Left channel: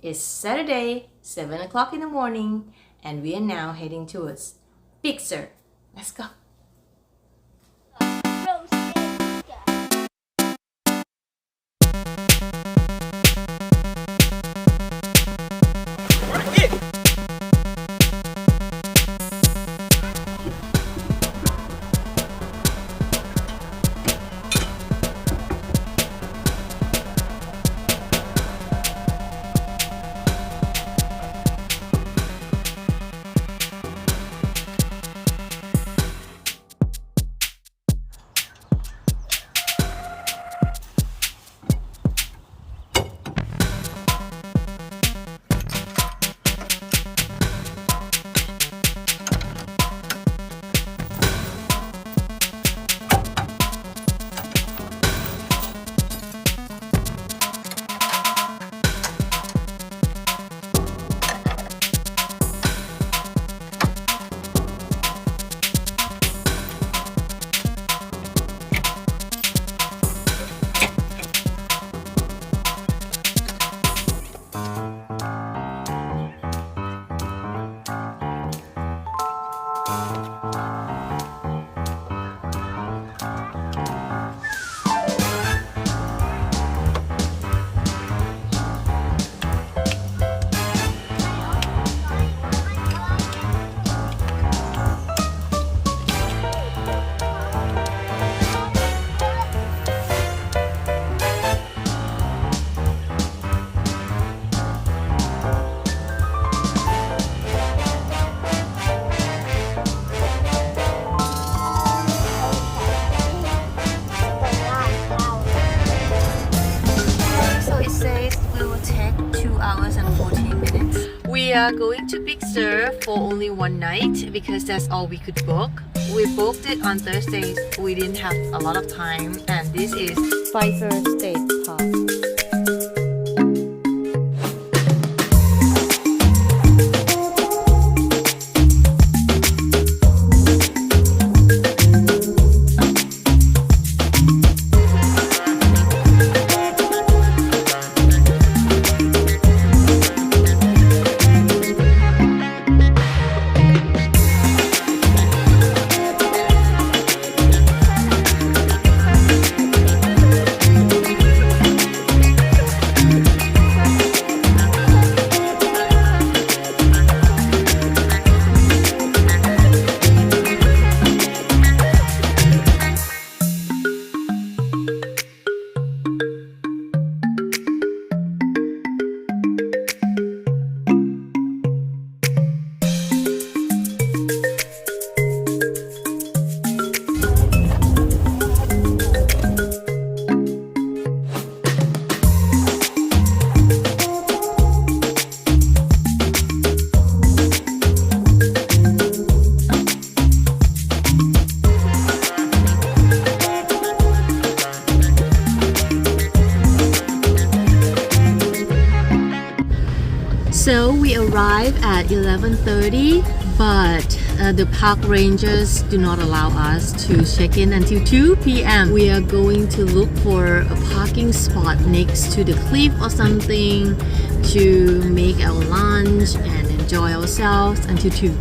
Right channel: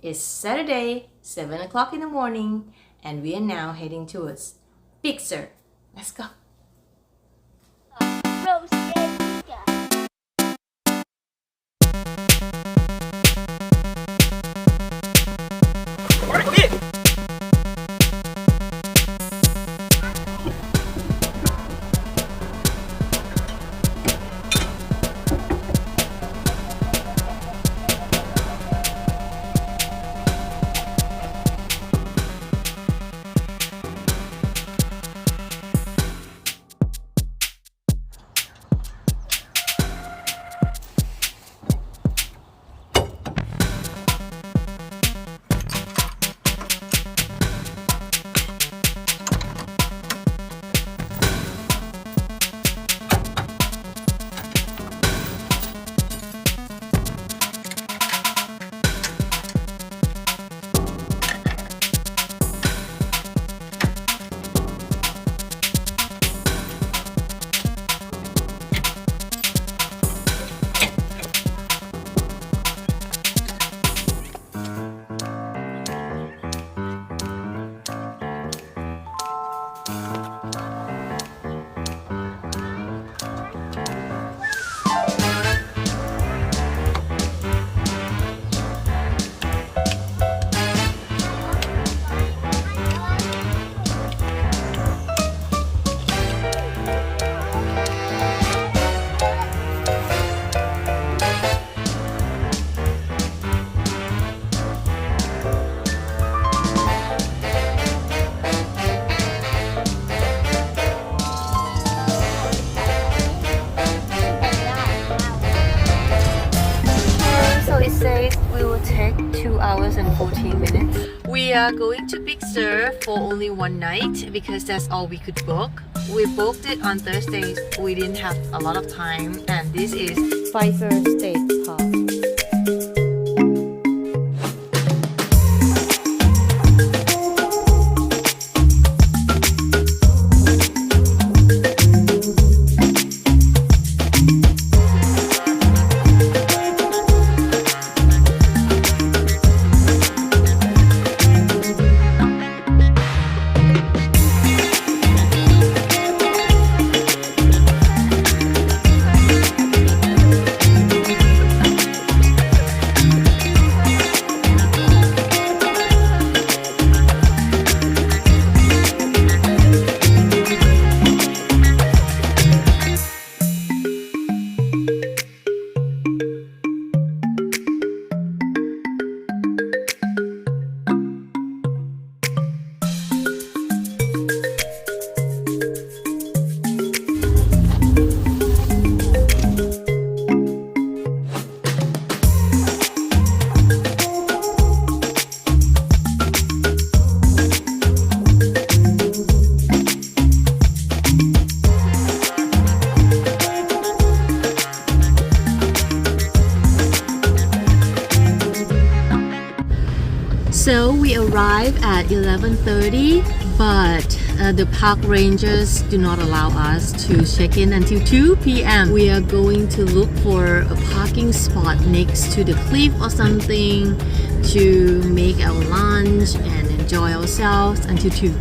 It's Saturday, 7 o'clock in the morning, and we are now heading towards Big Sur. Let's go. We are going to Big Sur for only one night because that's all we could book. We booked it on Thursday. We didn't have a lot of time, and this is Pfeiffer State Park. So we arrive at 11:30, but the park rangers do not allow us to check in until 2 p.m. We are going to look for a parking spot next to the cliff or something to make our lunch and enjoy ourselves until 2.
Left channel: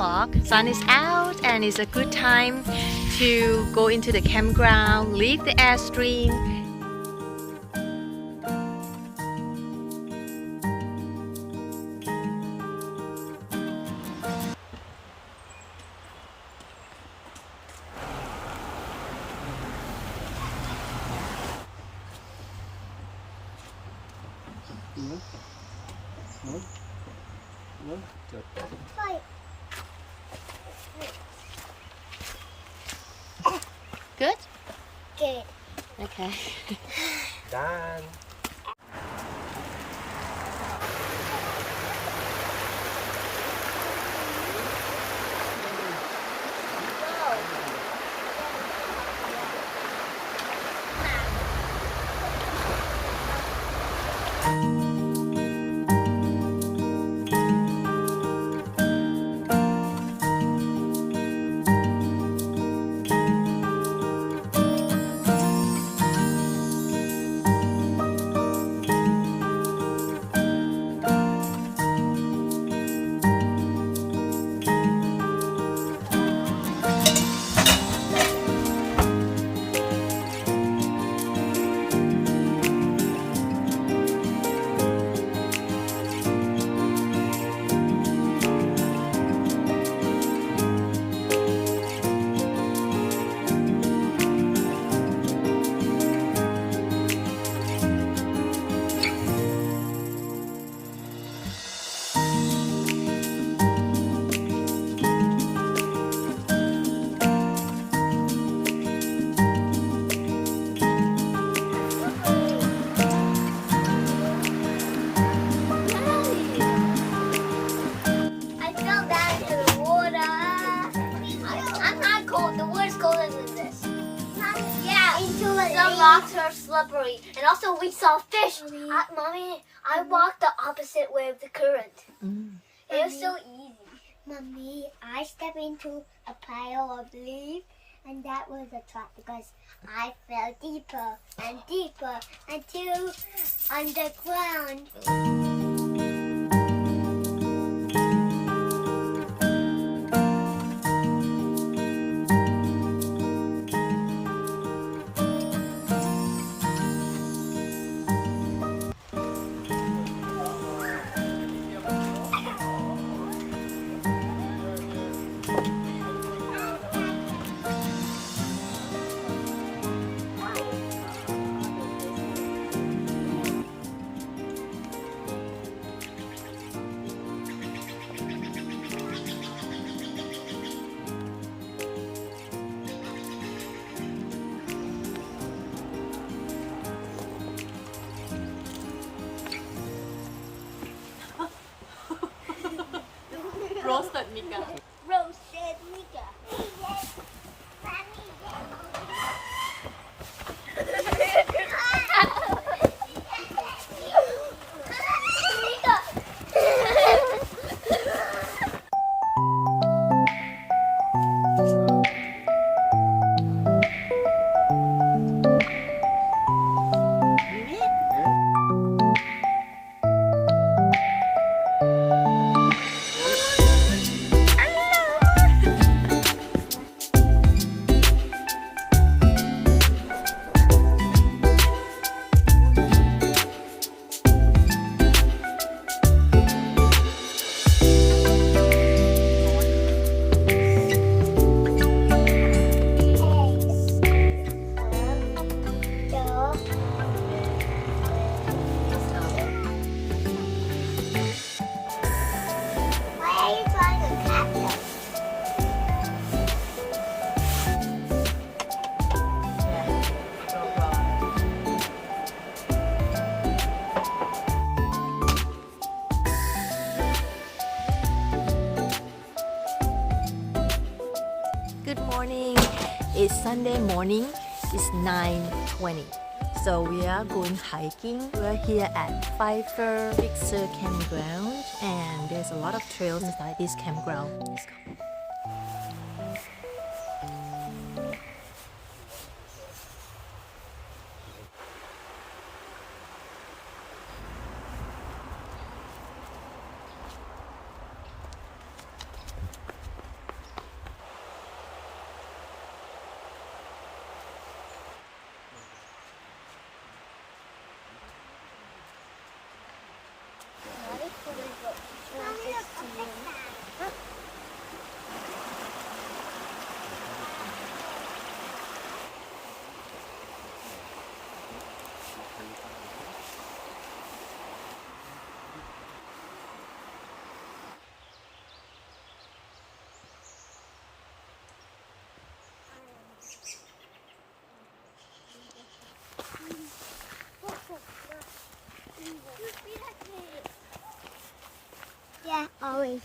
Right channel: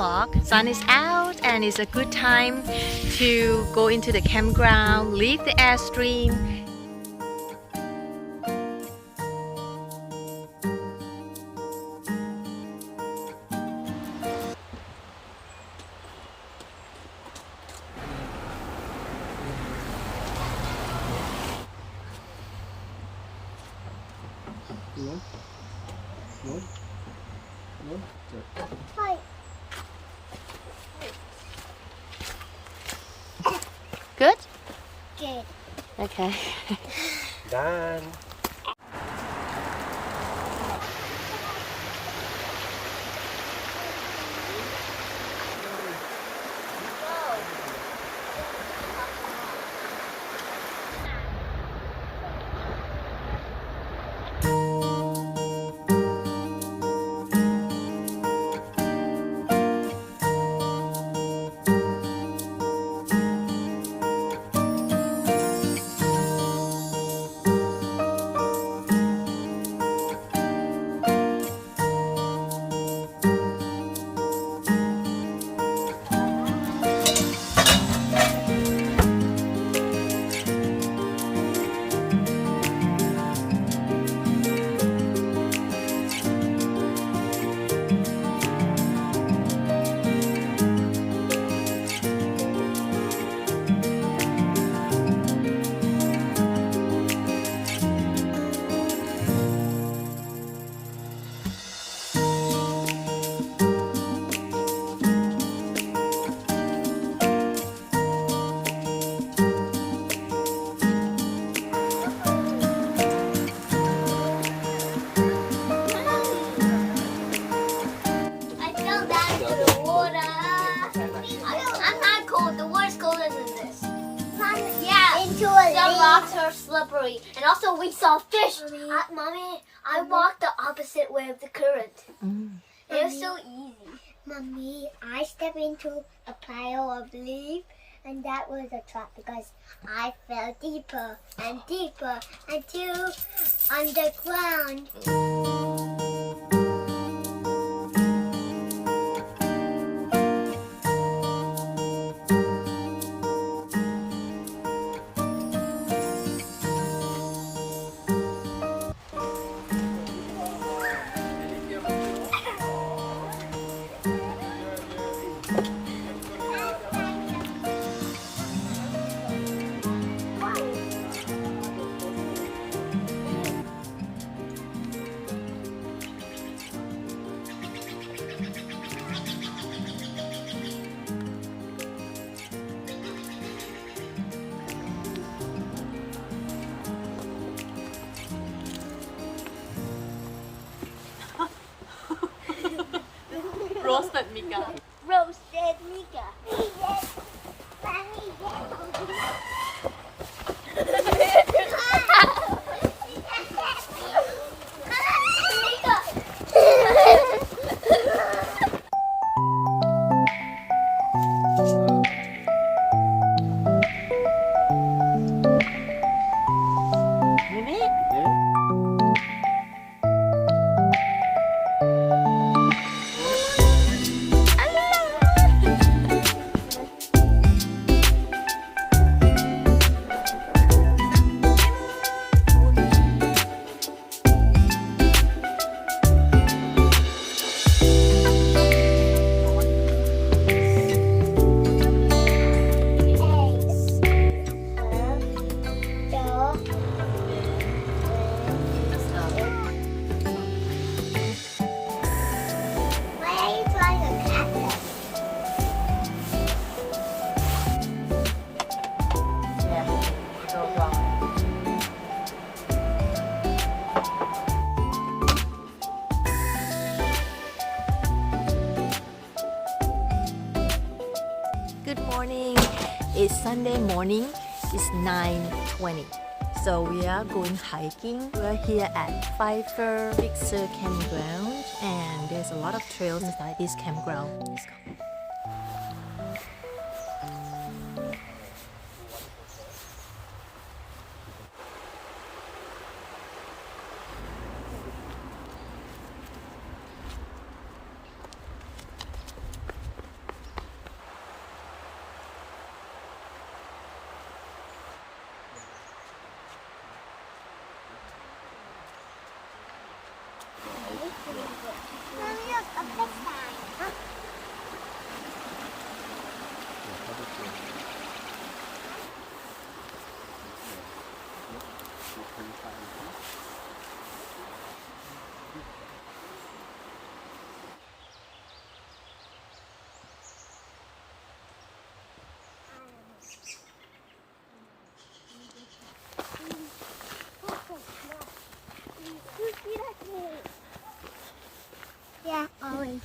o'clock. Sun is out and it's a good time to go into the campground, leave the Airstream. Good? Good. Okay. Done. The rocks are slippery, and also we saw fish. Mommy, I walked the opposite way of the current. It was so easy. Mommy, I stepped into a pile of leaves, and that was a trap because I fell deeper and deeper until underground. Roasted Mika. Roasted Mika. Good morning. It's Sunday morning. It's 9:20. So we are going hiking. We're here at Pfeiffer Big Sur campground, and there's a lot of trails inside this campground. Let's go.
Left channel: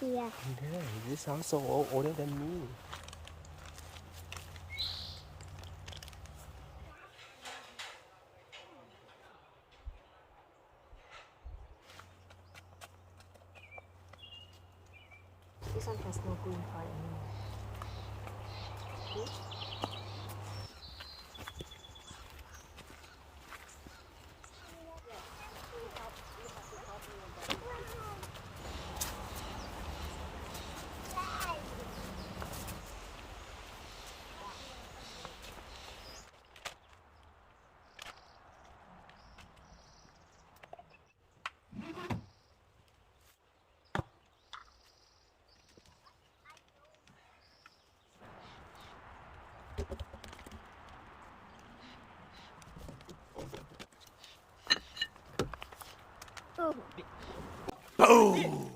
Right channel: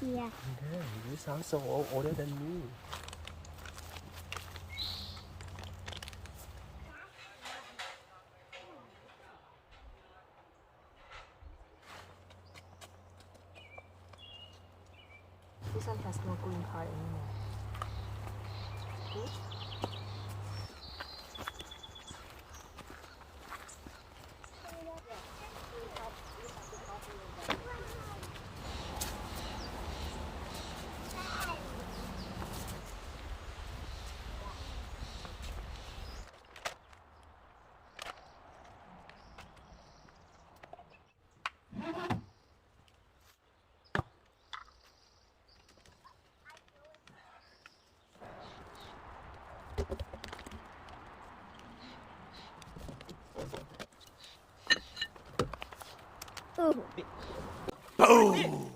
here. Yeah, this also older than me. This one has no green card anymore. Cool. Boom!